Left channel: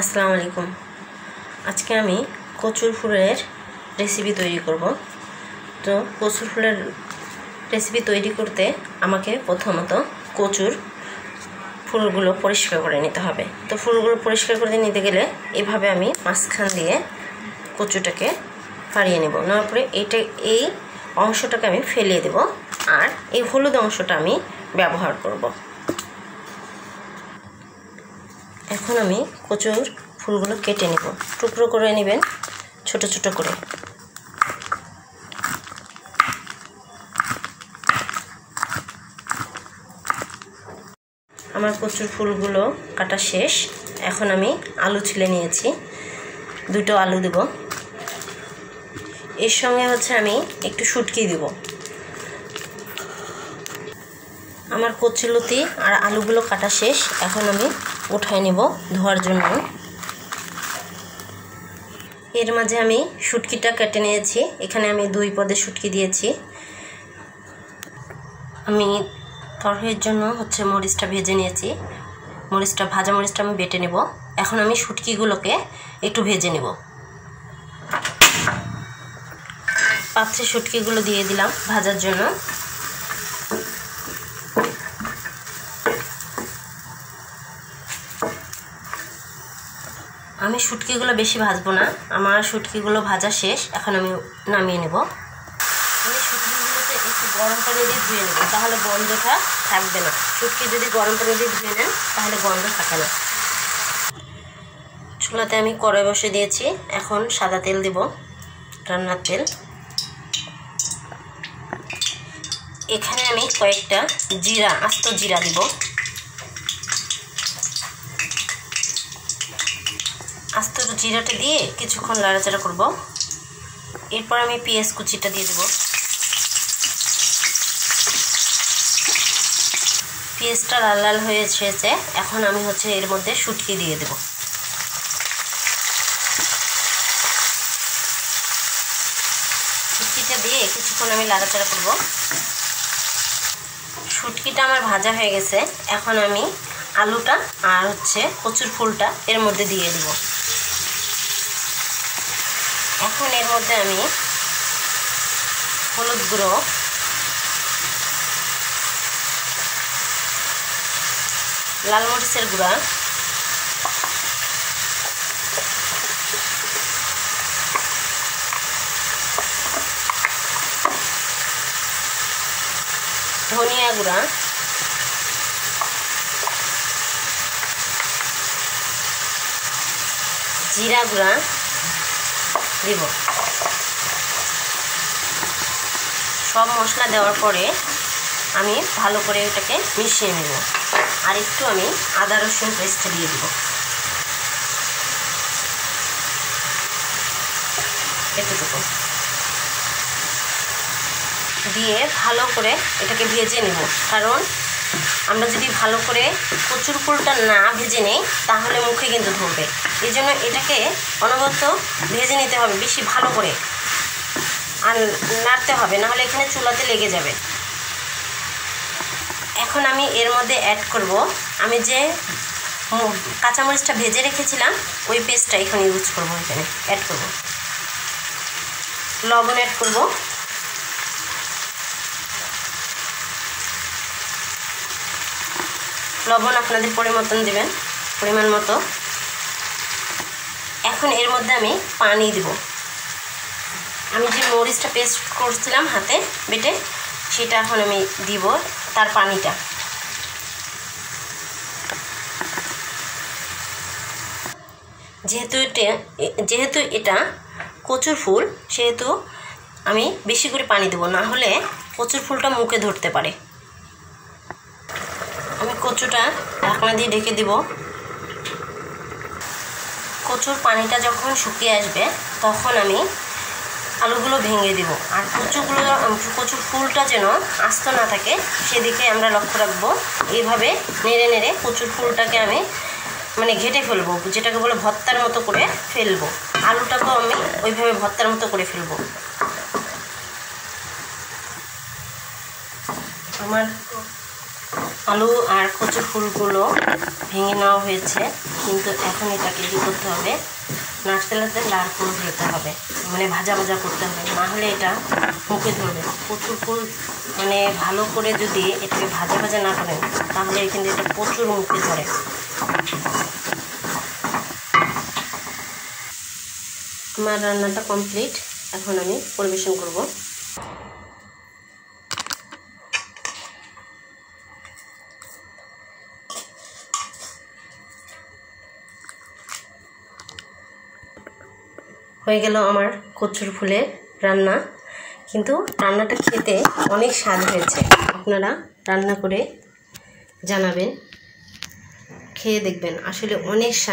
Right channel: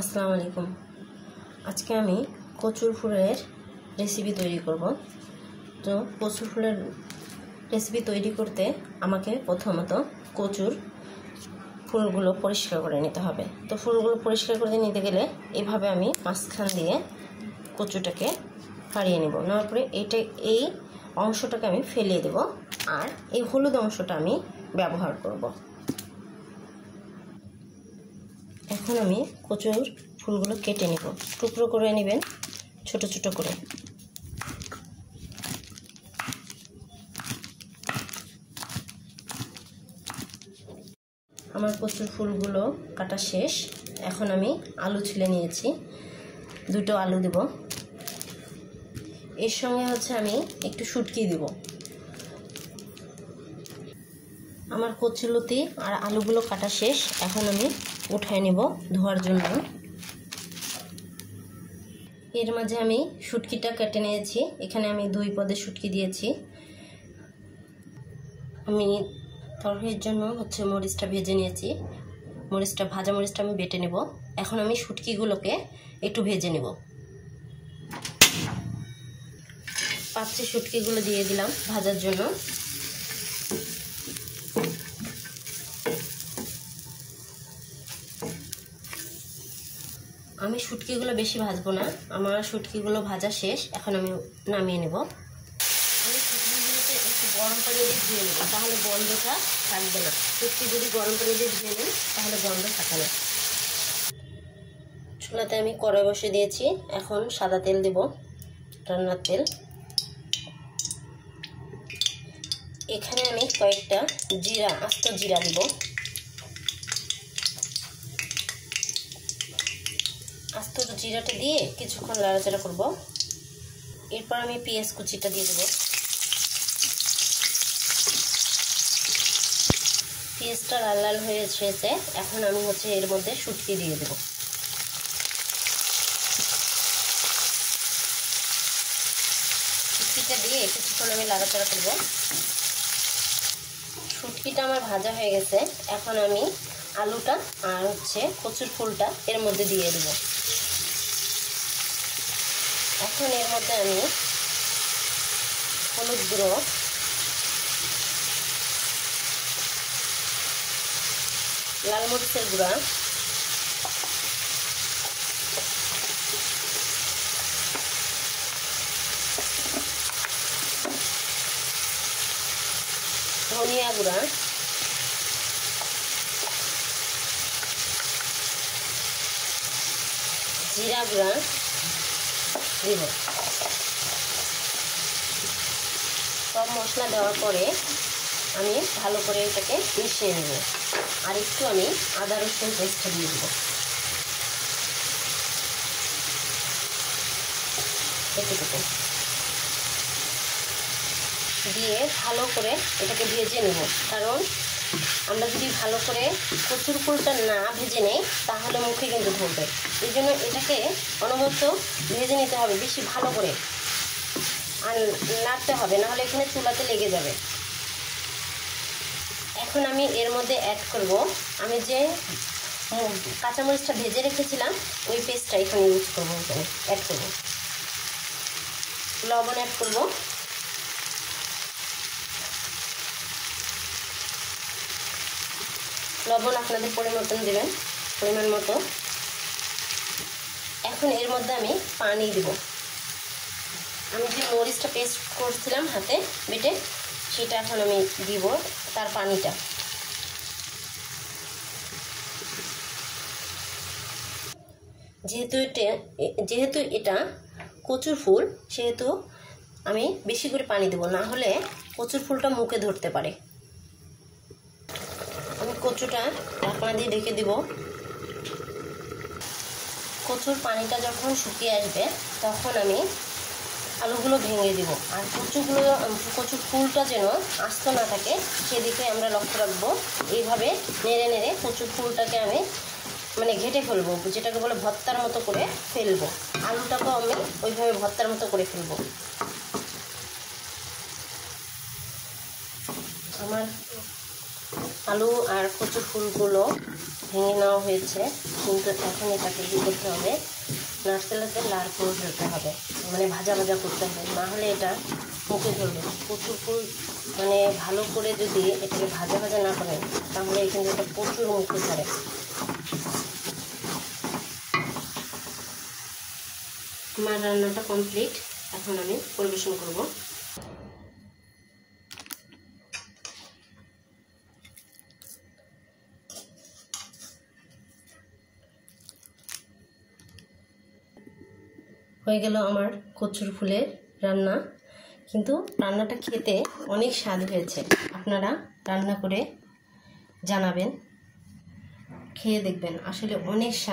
আসসালামু আলাইকুম। আজকে আমি কচুর ফুলের রেসিপি তৈরি করব। তো কচুর ফুলের রেসিপি তৈরি করতে আমাকে প্রথমত কচুর ফুলগুলো পরিষ্কার করে নিতে হবে। তো ফুলগুলো পরিষ্কার করে নিতে গেলে এভাবে আমি মাঝখান দিয়ে কচুটাকে ফাড়িয়ে নেব। নেওয়ার পরে এই অংশটাকে আমি ফেলিয়ে দেব, আর এই হলুদ অংশটা আমি ব্যবহার করব। এখন আমি কচুর ফুলগুলো কেটে নেব। টুকরো করে নেবেন ছোট ছোট করে। আমার কচুর ফুলগুলো কাটা শেষ। এখন আমি আলু ছিলে নিয়েছি, দুটো আলু দেব। এর সঙ্গে আমি একটু শুটকি দেব। আমার কচুলতি আর আলুগুলো কাটা শেষ। এখন আমি উঠায় নেব ধোয়ার জন্য। এর মাঝে আমি শুটকিটা কেটে নিয়েছি। এখানে আমি 2 পদের শুটকি দিয়েছি। আমি তরকারির জন্য মরিচটা ভেজে নিয়েছি। ভাজা মরিচটা আমি বেটে নেব। এখন আমি শুটকিগুলোকে একটু ভেজে নেব। পাত্রে শুটকিগুলো দিয়ে দিলাম ভাজার জন্য। আমি শুটকিগুলো বেশি ভাজবো না, আমার শুটকিগুলো ভাজা শেষ। এখন আমি নামিয়ে নেব। আমি শুটকিগুলোতে একটু গরম পানি দিয়ে ধুয়ে নেব, তাহলে গন্ধটা থাকবে না। শুটকি যদি গরম পানি দিয়ে ধুয়ে নেন তাহলে গন্ধ থাকে না। চুলাতে আমি কড়াই বসে দিয়েছি। এখন সাদা তেল দিব, রান্নার তেল। এখানে আমি কয়েকটা আস্ত জিরা দিব। আস্ত জিরাটা দিয়ে কিছুক্ষণ নাড়াচাড়া করব। এরপর আমি পেঁয়াজ কুচিটা দিয়ে দেব। পেঁয়াজটা লাল লাল হয়ে এসেছে। এখন আমি এর মধ্যে শুটকি দিয়ে দেব। শুটকিটা দিয়ে কিছুক্ষণ আমি নাড়াচাড়া করব। শুটকিটা আমার ভাজা হয়ে গেছে। এখন আমি আলুটা আর কচুর ফুলটা এর মধ্যে দিয়ে দেব। এখন এর মধ্যে আমি হলুদ গুঁড়ো, লাল মরিচের গুঁড়া, ধনিয়া গুঁড়া, জিরা গুঁড়া দিব। সব মশলা দেওয়ার পরে আমি ভালো করে এটাকে মিশিয়ে নেব। আর একটু আমি আদা রসুন পেস্ট দিয়ে দেব। এতটুকু দিয়ে ভালো করে এটাকে ভেজে নেব। কারণ আমরা যদি ভালো করে কচুর ফুলটা না ভেজে নিই তাহলে মুখে কিন্তু ধরবে। এই জন্য এটাকে অনবরত ভেজে নিতে হবে বেশি ভালো করে, আর নাড়তে হবে, নাহলে এখানে চুলাতে লেগে যাবে। এখন আমি এর মধ্যে অ্যাড করব আমি যে কাঁচামরিচটা ভেজে রেখেছিলাম, ওই পেস্টটা এখানে ইউজ করব। এখানে অ্যাড করব, লবণ অ্যাড করব, লবণ আপনাদের পরিমাণ মতো। এখন এর মধ্যে আমি পানি দিব। আমি যে মরিচটা পেস্ট করছিলাম হাতে বেটে, সেটা এখন আমি দিব, তার পানিটা। যেহেতু এটা কচুর ফুল, সেহেতু আমি বেশি করে পানি দেব, না হলে কচুর ফুলটা মুখে ধরতে পারে। আমি কচুটা ঢাকনা দিয়ে ঢেকে দিব। কচুর পানিটা যখন শুকিয়ে আসবে তখন আমি আলুগুলো ভেঙে দেব। আর কচুর ফুলটা যেন আস্ত না থাকে সেদিকে আমরা লক্ষ্য রাখবো। এইভাবে নেড়ে নেড়ে কচুর ফুলটাকে আমি ঘেটে ফেলবো, যেটাকে বলে ভর্তার মতো করে ফেলবো। আলুটাকেও আমি ওইভাবে ভর্তার মতো করে ফেলবো। আমার আলু আর কচুর ফুলগুলো ভেঙে নেওয়া হয়েছে। কিন্তু এখন এটাকে কী করতে হবে, নাড়তে নাড়তে দাঁড় করে ফেলতে হবে, মানে ভাজা ভাজা করতে হবে, না হলে এটা মুখে ধরবে। কচুর ফুল মানে ভালো করে যদি এটাকে ভাজা ভাজা না করেন তাহলে কিন্তু এটা প্রচুর মুখে ধরে। আমার রান্নাটা কমপ্লিট, এখন আমি পরিবেশন করব। হয়ে গেল আমার কচুর ফুলের রান্না। কিন্তু রান্নাটা খেতে অনেক স্বাদ হয়েছে। আপনারা রান্না করে জানাবেন, খেয়ে দেখবেন, আসলে অনেক স্বাদ।